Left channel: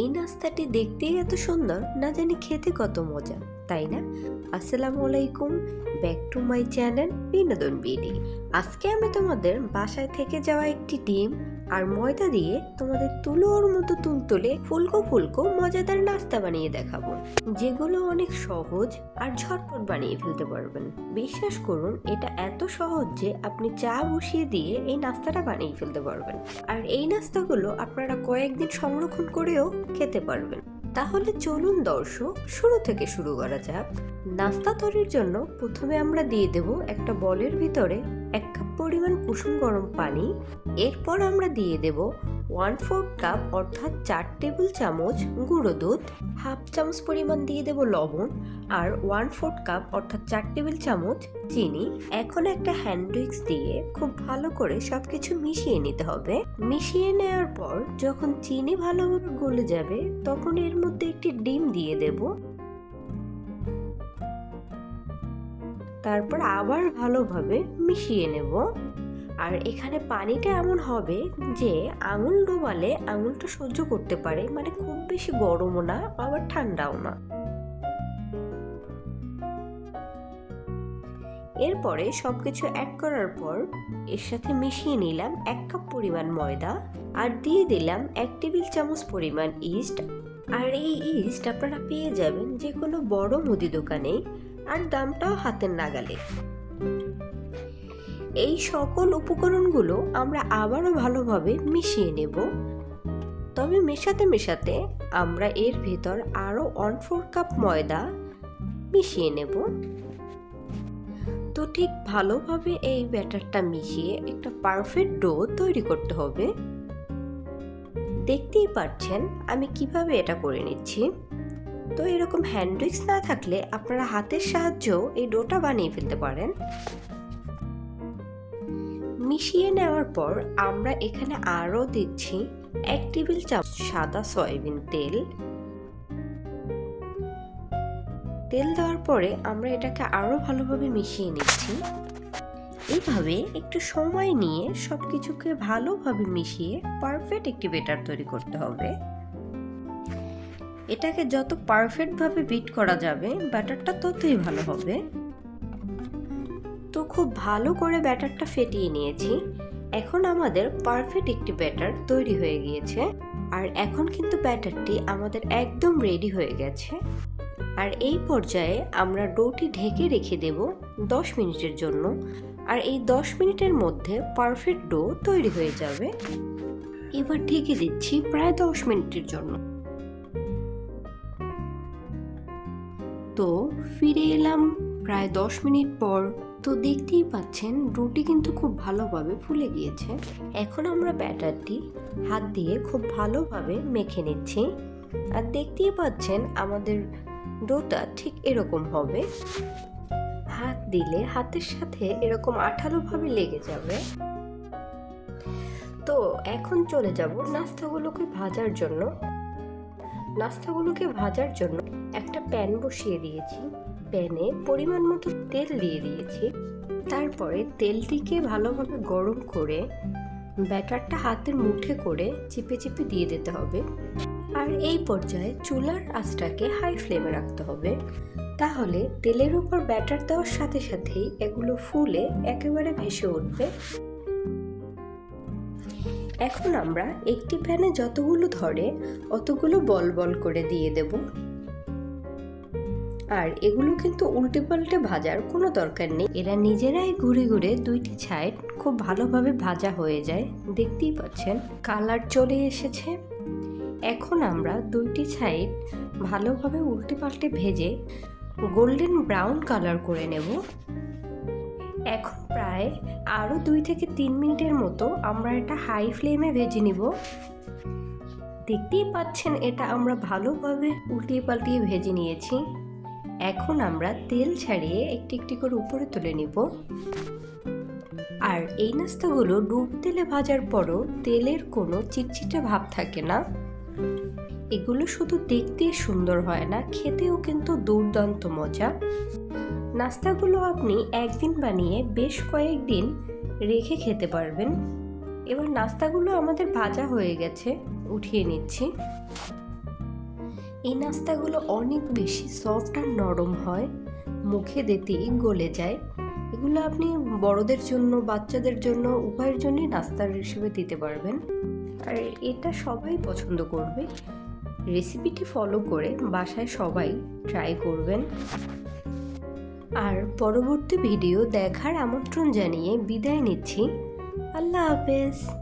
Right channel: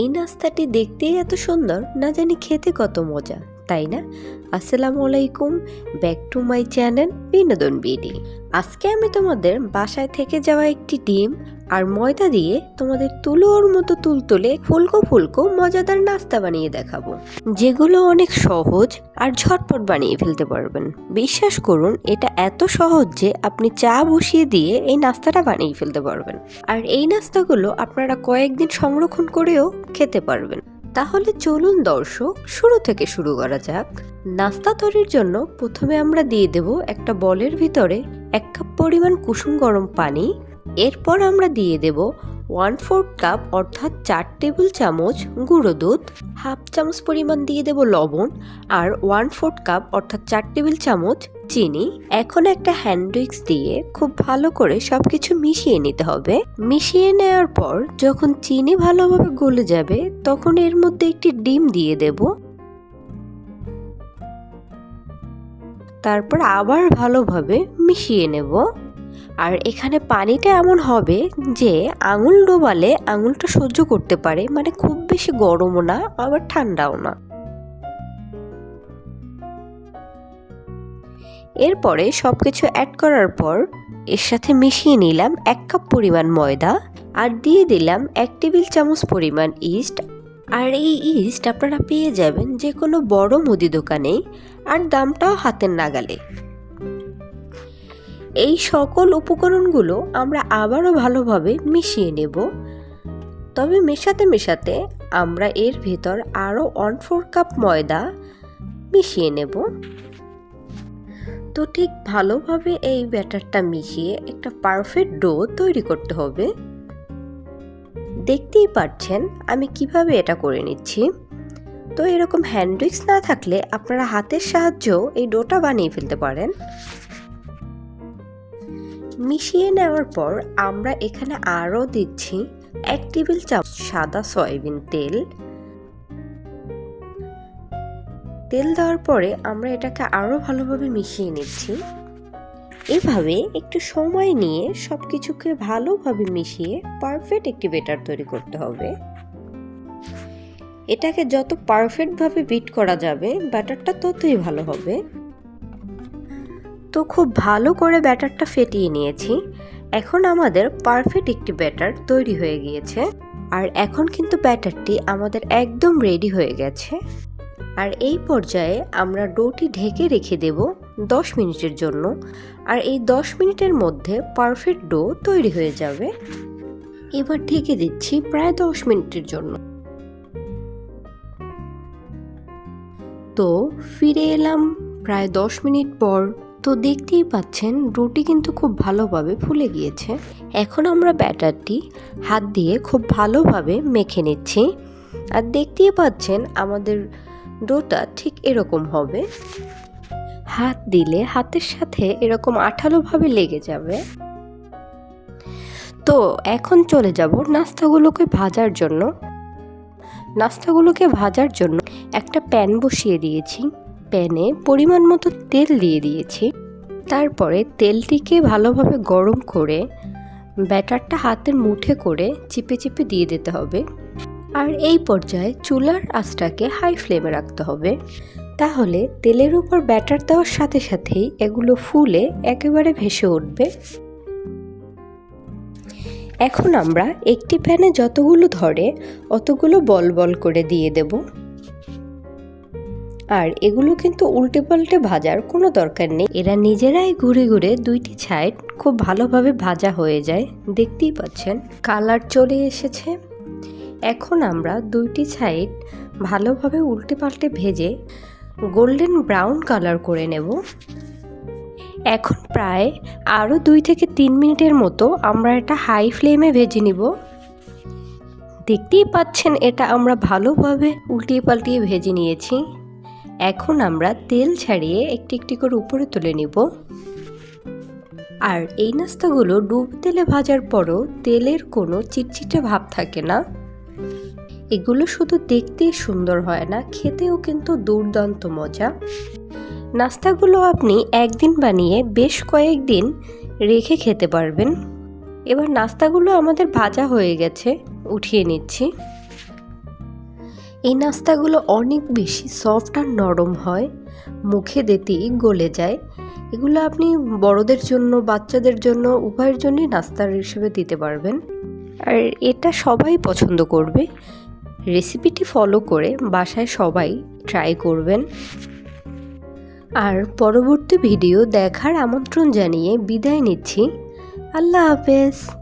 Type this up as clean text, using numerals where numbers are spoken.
এই নাস্তাটি দেখতেই এত সুন্দর, না জানি খেতে কত মজা, তাই না? আসসালামু আলাইকুম, ব্যাক টু মাই চ্যানেল বিনোদন বিডি। আজকে আমি তোমাদের বাসায় থেকে যাওয়া একটি ডিম আর ময়দা দিয়ে তোমাদের তুলোর মতো তুলতুলে ফুলকো ফুলকো মজাদার নাস্তা বানিয়ে দেখাবো, যেগুলো অনেক সহজ আর ঝটপট বানিয়ে ফেলতে পারবেন। বিশ্বাস করুন, এটা এত সহজ যে আপনি চা বসিয়ে দিয়ে এই নাস্তাটা বানিয়ে ফেলতে পারবেন। আর এই নাস্তাগুলো আপনারা কয়েকদিন সংরক্ষণ করেও খেতে পারবেন। তাহলে চলুন দর্শক, শুরু থেকে শুরু করা যাক। নাস্তা তৈরির জন্য প্রথমে আমরা দিয়ে দেব একটা বলের ভিতরে 1 কাপ পরিমাণ কুসুম গরম পানি। এরপর আমরা দিয়ে দেব 1/4 কাপ অর্থাৎ 4 টেবিল চামচ গুঁড়ো দুধ, হাফ চামচ পরিমাণ দিয়ে দেব লবণ আর 1/4 কাপ অর্থাৎ 4 টেবিল চামচ চিনি। এখন একটা হ্যান্ড উইক্স দিয়ে খুব ভালো করে সবকিছু মিশিয়ে নিতে হবে। মিশিয়ে নেওয়ার পর যখন চিনি ভালোভাবে গলে যাবে, তখন এর মধ্যে একটি ডিম দিয়ে দেব। তারপর আবার ভালোভাবে মিশিয়ে নেব। আর এখানে পানিটা এমন হবে যে আঙুল ডোবালে আঙুলটা সহ্য করতে পারে, মানে খুব বেশি গরমও না আবার ঠান্ডাও না। এরপরে সবকিছু অ্যাড করার পর এর সাথে মিশিয়ে নিলাম 1 কাপ পরিমাণ ময়দা আর দিয়ে দিলাম 1 টেবিল চামচ পরিমাণ ইস্ট। আর এই ইস্ট আপনারা পেয়ে যাবেন যে কোনো বড় মুদি দোকানে, আর দামটাও হাতের নাগালে। এই সকল উপকরণগুলো আমরা আবারও ভালোভাবে মিশিয়ে নেব। তবে মেশাতে মেশাতে আমরা এর ভেতর আরও 1/4 কাপ ময়দা মিশিয়ে নেব। তো ঠিক ভালোভাবে এই ব্যাটারটা মিশিয়ে একটা পারফেক্ট ডো তৈরি করতে হবে। দেখতেই পাচ্ছেন আমি কিভাবে এটা করে নিচ্ছি। তো এরকম হ্যান্ড উইক্স না থাকলে আপনারা হাতের সাহায্যেও এই ডোটা বানিয়ে ফেলতে পারেন। মিশিয়ে নেওয়ার পর আমরা এখানে আরও দিচ্ছি 1 টেবিল চামচ সাদা সয়াবিন তেল। তেল দেওয়ার পরে আমরা এটাকে আরও ভালোভাবে মিশিয়ে নিচ্ছি। এভাবে একটু সময় নিয়ে সবকিছুকে ভালোভাবে মিশিয়ে পারফেক্ট একটি ব্যাটার তৈরি করতে হবে। এটাকে যত পারফেক্টভাবে বিট করা যাবে ব্যাটারটা ততই ভালো হবে। তো খুব ভালো করে ব্যাটারটা ফেটিয়ে নিয়েছি। এখন আমাদের পারফেক্ট একটি ব্যাটার তৈরি হয়ে গিয়েছে। আর এখন কিন্তু ব্যাটারটি আমাদের একদম রেডি হয়ে গেছে। আর এই পর্যায়ে আমরা ডোটি ঢেকে রেখে দেব 10 মিনিটের জন্য। আর এই 10 মিনিটের মধ্যে পারফেক্ট ডো তৈরি হয়ে যাবে। এবার ঢেকে দিচ্ছি প্রায় 10 মিনিটের জন্য। তো ফিরে এলাম প্রায় 10 মিনিট পর। তো দেখতেই পাচ্ছেন ডোটি কিন্তু খুব ভালোভাবে ফুলে গিয়েছে। এখন আমরা ব্যাটারটি হাত দিয়ে খুব ভালোভাবে মেখে নিচ্ছি। আর দেখতেই পাচ্ছেন আমাদের ডোটা ঠিক এরকম হবে। হাত দিলে হাতের সাথে এরকম আঠালোভাবে লেগে যাবে। তো এখন চলে যাব নাস্তাগুলোকে ভাজার জন্য। নাস্তাগুলোকে ভাজার জন্য একটা প্যান বসিয়ে দিয়েছি। প্যানে পরিমাণ মতো তেল দিয়ে দিয়েছি। তারপরে তেলটিকে ভালোভাবে গরম করে ব্যাটারটা হাতের মুঠে করে চিপে চিপে দিয়ে দিতে হবে। আর এই পর্যায়ে চুলার আঁচটাকে হাই ফ্লেমে রাখতে হবে। তাহলে তেলের উপর ব্যাটার দেওয়ার সাথে সাথেই এগুলো ফুলে একেবারে ভেসে উঠবে। এখন আমরা একটি প্যানে যতগুলো ধরে অতগুলো বল বল করে দিয়ে দেব। আর এগুলো কিন্তু উল্টে পাল্টে ভাজার কোনো দরকার নেই। এরা নিজেরাই ঘুরে ঘুরে দুইটি সাইড খুব ভালোভাবে ভাজা হয়ে যায়। দেখতেই পাচ্ছেন কালার চলে এসেছে। এখন আমরা দুইটি সাইড ভালোভাবে উল্টে পাল্টে ভেজে গোল্ডেন ব্রাউন কালার করে নেব। এখন প্রায় আরও 2 থেকে 3 মিনিটের মতো আমরা এটা হাই ফ্লেমে ভেজে নিব। দেখতেই পাচ্ছেন এটা আমরা ভালোভাবে উল্টিয়ে পাল্টিয়ে ভেজে নিয়েছি। এখন আমরা তেল ছাড়িয়ে একটি একটি করে উপরে তুলে নিব। আর এই নাস্তাগুলো ডুবো তেলে ভাজার পরও তেলের কোনো চিটচিটে ভাব থাকে না। এগুলো শুধু দেখতেই সুন্দর হয় না, খেতেও কিন্তু দুর্দান্ত মজা। নাস্তাগুলো আপনি একদিন বানিয়ে বেশ কয়েকদিন রেখে খেতে পারবেন। এবার নাস্তাগুলো আমাদের ভাজা হয়ে গেছে, উঠিয়ে নিচ্ছি। এই নাস্তাগুলো অনেক বেশি সফট আর নরম হয়, মুখে দিতেই গলে যায়। এগুলো আপনি বড়দের জন্য, বাচ্চাদের জন্য, উভয়ের জন্যই নাস্তার হিসেবে দিতে পারবেন। আর এটা সবাই পছন্দ করবে। রেসিপিটি ফলো করে বাসায় সবাই ট্রাই করবেন। আর পরবর্তী ভিডিও দেখার আমন্ত্রণ জানিয়ে বিদায় নিচ্ছি। আল্লাহ হাফেজ।